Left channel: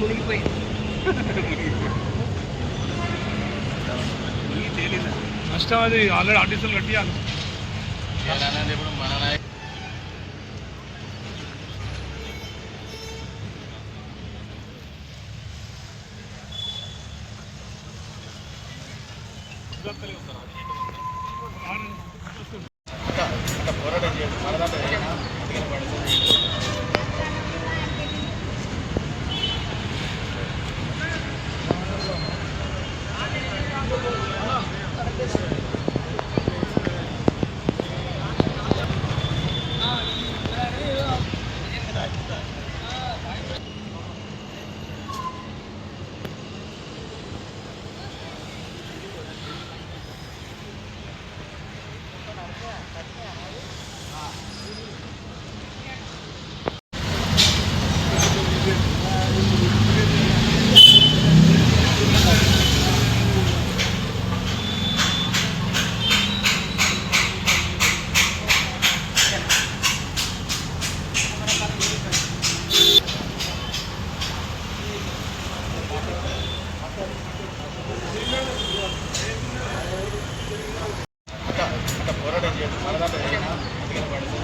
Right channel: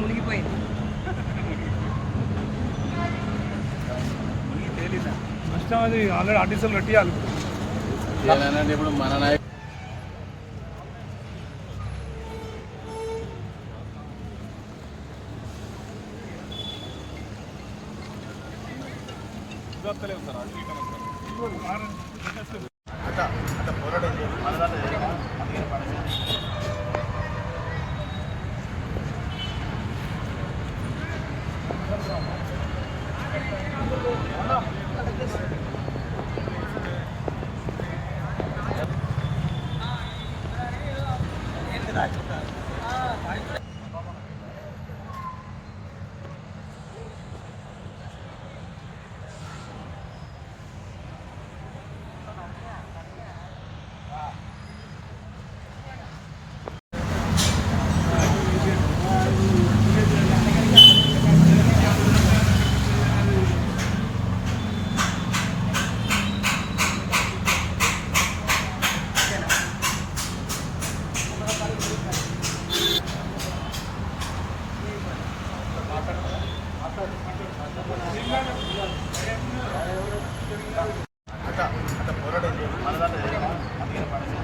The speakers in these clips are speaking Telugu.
మునిగిపోయింది. నష్టం అది ఆల్రెడీ ఆర్టీసీలు కట్టియాలి. ఇప్పుడు మన నాయకు పోరాటం చేయండి. మన దాంట్లో పడింది. పోరాటం చేయండి. మన దాంట్లో పడింది.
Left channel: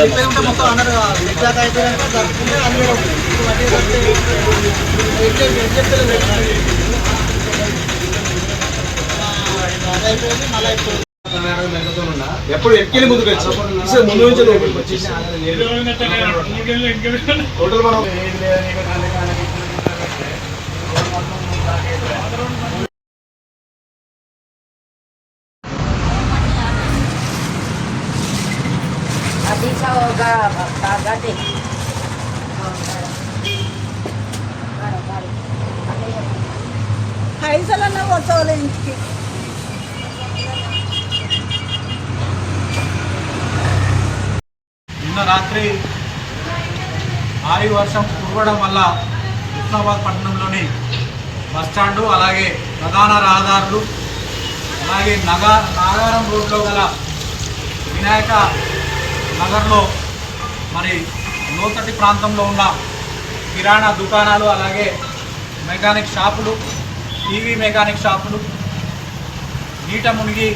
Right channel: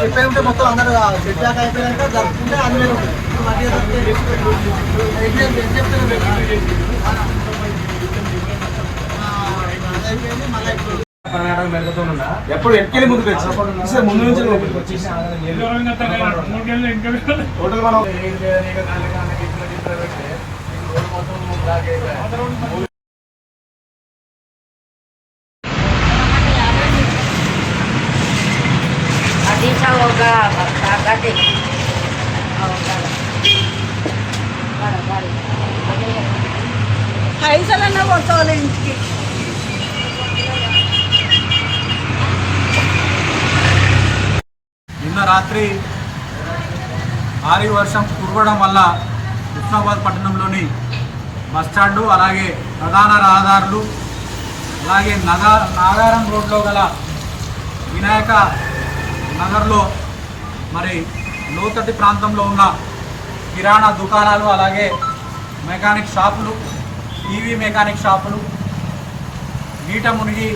చెప్పేదంటే మొత్తం అందరూ నెట్లాక్ అయిపోయాక జరుపుకుంటే అది వేరే ఉంటుంది. ఇప్పుడు మధ్య చెప్తలేదు అది అయిపోయింది. మళ్ళీ ఇప్పుడు ఎప్పుడు ఎక్కి ముందుకు వచ్చి ముందు నుంచి టోటల్ మనం రోడ్ మొత్తం బ్లాక్ అయిపోయింది. పైసలన్నా కొట్టుకోవాలి ఇంటికి. నిన్న రాత్రి భారీ వర్షం కురవడం వల్ల హుస్నాబాద్ పట్టణంలోని బస్టాండు అలాగే ప్రధాన రహదారులు అలాగే నాగారం రోడ్లో గల వినాయక నగర్లో మరి లోతటి ప్రాంతంలో ఉన్న కిరాణా దుకాణాలు అలాగే మెకానిక్ షాపులు టీవీ మెకానిక్ షాపులు నీట మునిగి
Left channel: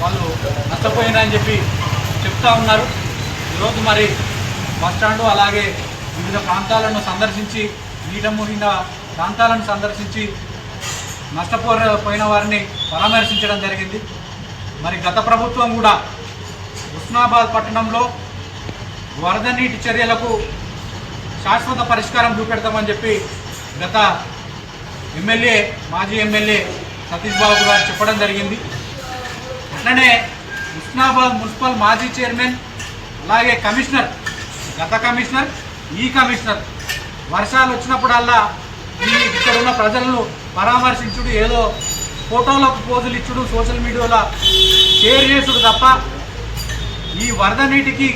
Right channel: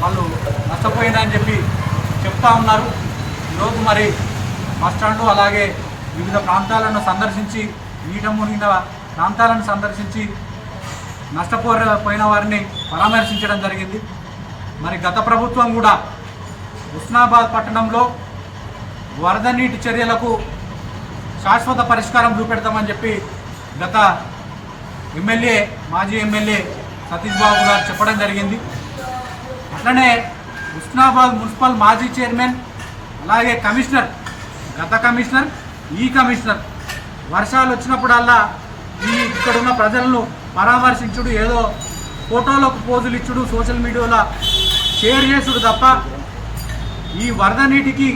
వాళ్ళు నష్టపోయినారని చెప్పి చెప్తా ఉన్నారు. ఈరోజు మరి బస్టాండు అలాగే వివిధ ప్రాంతాలను సందర్శించి నీట మునిగిన ప్రాంతాలను సందర్శించి నష్టపోయిన వారిని పరామర్శించడం జరిగింది. మరి గత ప్రభుత్వం కూడా హుస్నాబాద్ పట్టణంలో వరద నీటి చర్యలకు శాశ్వత పరిష్కారం చూపెడతామని చెప్పి గత ఎమ్మెల్యే మాజీ ఎమ్మెల్యే సతీష్ బాబు గారు చెప్పడం జరిగింది. అట్లనే హుస్నాబాద్ మున్సిపల్ మాజీ చైర్మన్ అలాగే కమిషనర్ గత కమిషనర్ ఈ కమిషనర్ వర్షాలు వచ్చినప్పుడల్లా ఇక్కడ ఉన్న ప్రజలను పరామర్శించుడు ఏదో ఫోటోలకు పోజులు ఇచ్చుడు సోషల్ మీడియాలో షేర్ చేసుడు తప్ప ఈ వరద నీటికి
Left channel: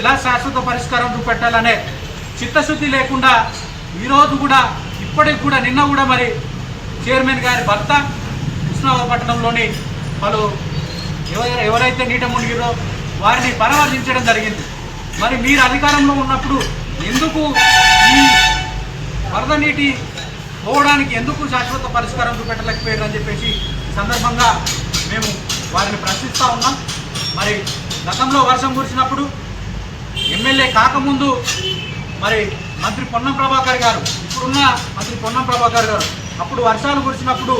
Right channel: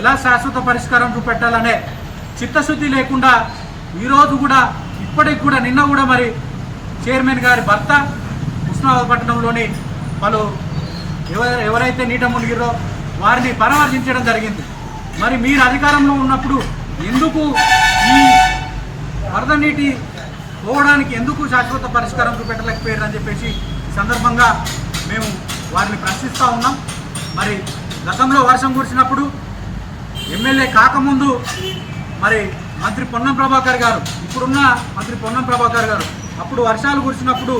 ఎలా శాశ్వత పరిష్కారం చూపెట్టాలనే చిత్తశుద్ధి లేకుండా ఈరోజు కూడా ఇప్పటికి కూడా నిన్న కూడా మరి చైర్మన్ గారి భర్త హుస్నాబాద్ పట్టణంలోని వాళ్ళు ఎవరైతే నీట మునిగిరో వారిని పరామర్శించడం జరిగింది. మరి మీరు అధికారంలో ఉన్నప్పుడు ఎందుకు ఈ వరద నీటి పోవడానికి ఎందుకు శాశ్వత పరిష్కారం చూపెట్టలేకపోయారని చెప్పేసి ఈ సందర్భంగా మేము వారిని ప్రశ్నిస్తూ ఉన్నాం. మరి గతంలో వర్షం కురిసినప్పుడు ఎమ్మెల్యే కాకముందు మరి మంత్రి పొన్నం ప్రభాకర్ గారు ఇప్పుడున్న మంత్రి పొన్నం ప్రభాకర్ గారు అప్పుడు వర్షాలు కురిసినప్పుడు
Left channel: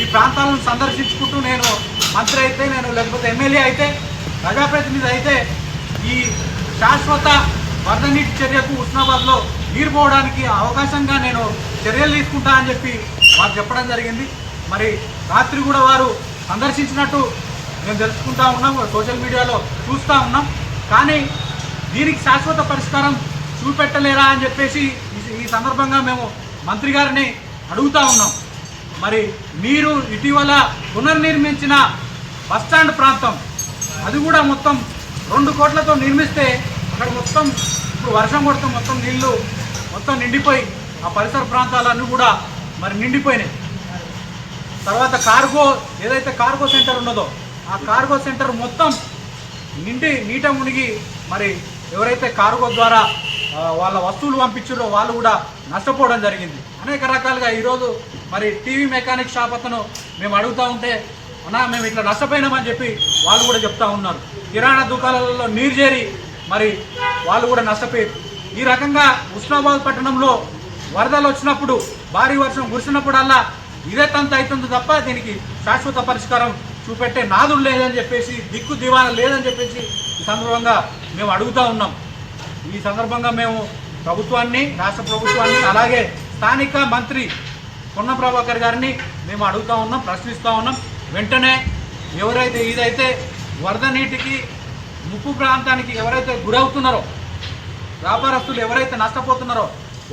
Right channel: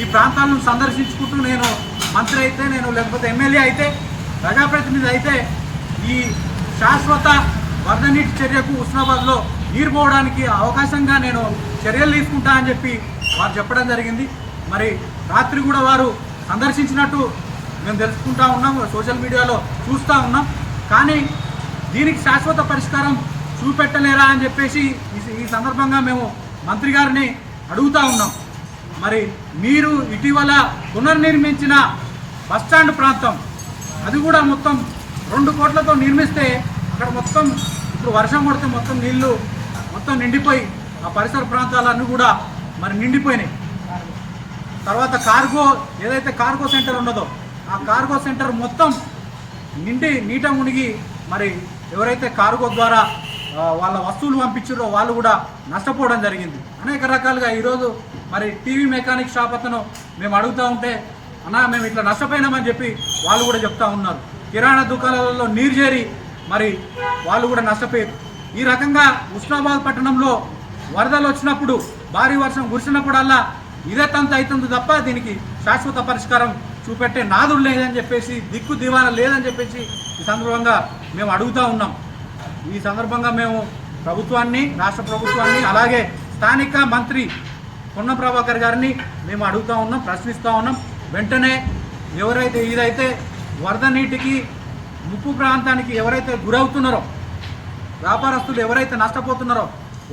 ఈ ప్రాంతాలను సందర్శించుకుంటూ నేను మంత్రి అయితే నేను లేకపోతే ఎమ్మెల్యే అయితే ప్రజాప్రతినిధి అయితే ఈ శాశ్వత వరద నీటి చర్యకు హుస్నాబాద్లో నీరు పోవడానికి అవకాశంగా నేను చర్యలు తీసుకుంటా అని చెప్పి వారు చెప్పడం జరిగింది. మరి రాత్రి కూడా వారు సందర్శించినట్టు మేము తెలుసుకుంటా ఉన్నాం, సోషల్ మీడియాలో చూస్తూ ఉన్నాం. కానీ దీనికి శాశ్వత పరిష్కారం చూపెట్టలేరా అని చెప్పేసి ఈ సందర్భంగా మేము మంత్రి గారిని అడుగుతూ ఉన్నాం. మరి మీరు ఇటీవల పునర్నిర్మించిన బస్టాండ్ ప్రాంతం అది కూడా మొత్తం 2 కోట్లతో నిర్మిస్తే అక్కడ మొత్తం ఇప్పుడు వర్షం కొడితే మొత్తం నీళ్లు మొత్తం నిండిపోయి ఆ పరిసర ప్రాంతాలన్నీ కూడా మరి నిండిపోయినాయి. తర్వాత కార్గో ఏదైతే కార్గో సెంటర్ ఉన్నదో ఆ కార్గో సెంటర్ మొత్తం నీట మునిగి మరి ఎవరైతే కార్గో ద్వారా వాళ్ళ వస్తువులు పంపించారో వాళ్ళు కూడా నష్టపోవడం జరిగింది. అనేక రకాలుగా ఈరోజు మరి టీవీ మెకానిక్ షాప్ అతను మేము అడుగుతూ ఉంటే అన్నా మేము ఇట్లా నష్టపోయినామని చెప్పి వాళ్ళు కూడా చెప్తా ఉన్నారు. కిరాణా దుకాణాలలో నీరు చేరి మరి వాళ్ళు కూడా నష్టపోయారు. ఈ రకంగా ఉస్నాబాద్ పట్టణంలో వరదలు వచ్చినప్పుడు భారీ వర్షం కురిసినప్పుడల్లా ఇదే తంత అవుతుంది తప్ప దీనికి శాశ్వత పరిష్కారం చూపెట్టే నాదుడు లేదని చెప్పేసి, దిక్కు దివాన లేదని చెప్పేసి ఈ సందర్భంగా మేము అడుగుతూ ఉన్నాం. ఈ సందర్భంగా మేము ప్రభుత్వాన్ని, రాష్ట్ర ప్రభుత్వాన్ని, అలాగే స్థానిక మంత్రి పొన్నం ప్రభాకర్ గారిని మేము అడుగుతూ ఉన్నాం, ప్రశ్నిస్తూ ఉన్నాం. వెంటనే ఎవరైతే ఇదైతే వరద నీటికి ముప్పు ప్రాంతానికి ఎవరైతే గురవుతున్నారో, వ్యాపారస్తులు ఎవరైతే నష్టపోతున్నారో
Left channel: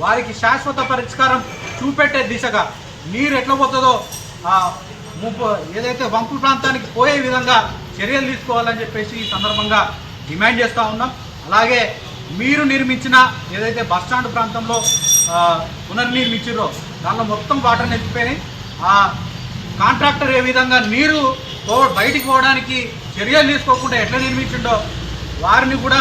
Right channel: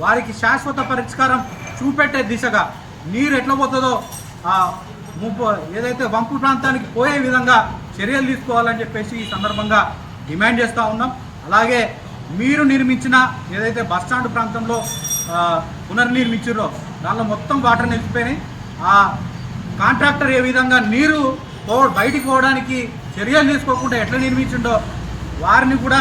వారికి శాశ్వత పరిష్కారం చూపెట్టే దిశగా నీరు ఎట్లా పోతుందో ఏదైతే వంపు ప్రాంతానికి పోయే విధంగా చర్యలు తీసుకోవాలని చెప్పేసి ఈ సందర్భంగా డిమాండ్ చేస్తూ ఉన్నాం. అలాగే మీరు నిర్మించిన ఏదైతే బస్టాండ్ ప్రాంతంలో పునర్నిర్మించారో దానిలో మొత్తం వాటర్ నింపిపోయినాయి. ఆ కాంట్రాక్టర్ ఏ విధంగా నీరు బయటికి పోవడానికి చర్యలు తీసుకోకుండా ఎట్లా నిర్మించిండో వారిని కూడా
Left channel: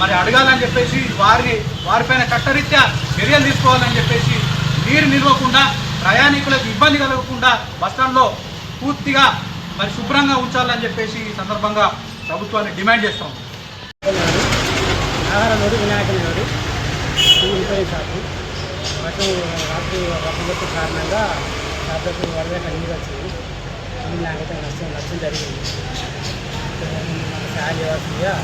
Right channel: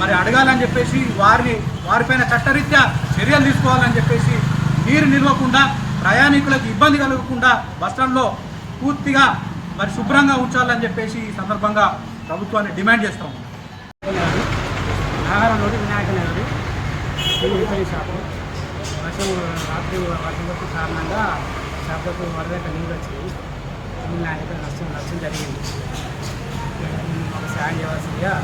మరి అడగాలని చెప్పేసి వారిపైన చట్టరీత్యా చర్యలు తీసుకోవాలని చెప్పేసి, నీరు నిలవకుండా ప్రయాణికులకు ఇబ్బంది కలగకుండా బస్టాండ్లో పూర్తిగా మరి శుభ్రంగా ఉంచాలని చెప్పేసి ఈ సందర్భంగా ప్రభుత్వాన్ని డిమాండ్ చేస్తాం. నాగారంలోని వినాయక నగరు రిపేరింగ్ షాపు రాత్రి వర్షం కొట్టే కారణంగా షాపులకు వరద నీళ్ళు వచ్చింది. నాకైతే నష్టం జరిగింది. మాకు సాయం చేయవలసిందిగా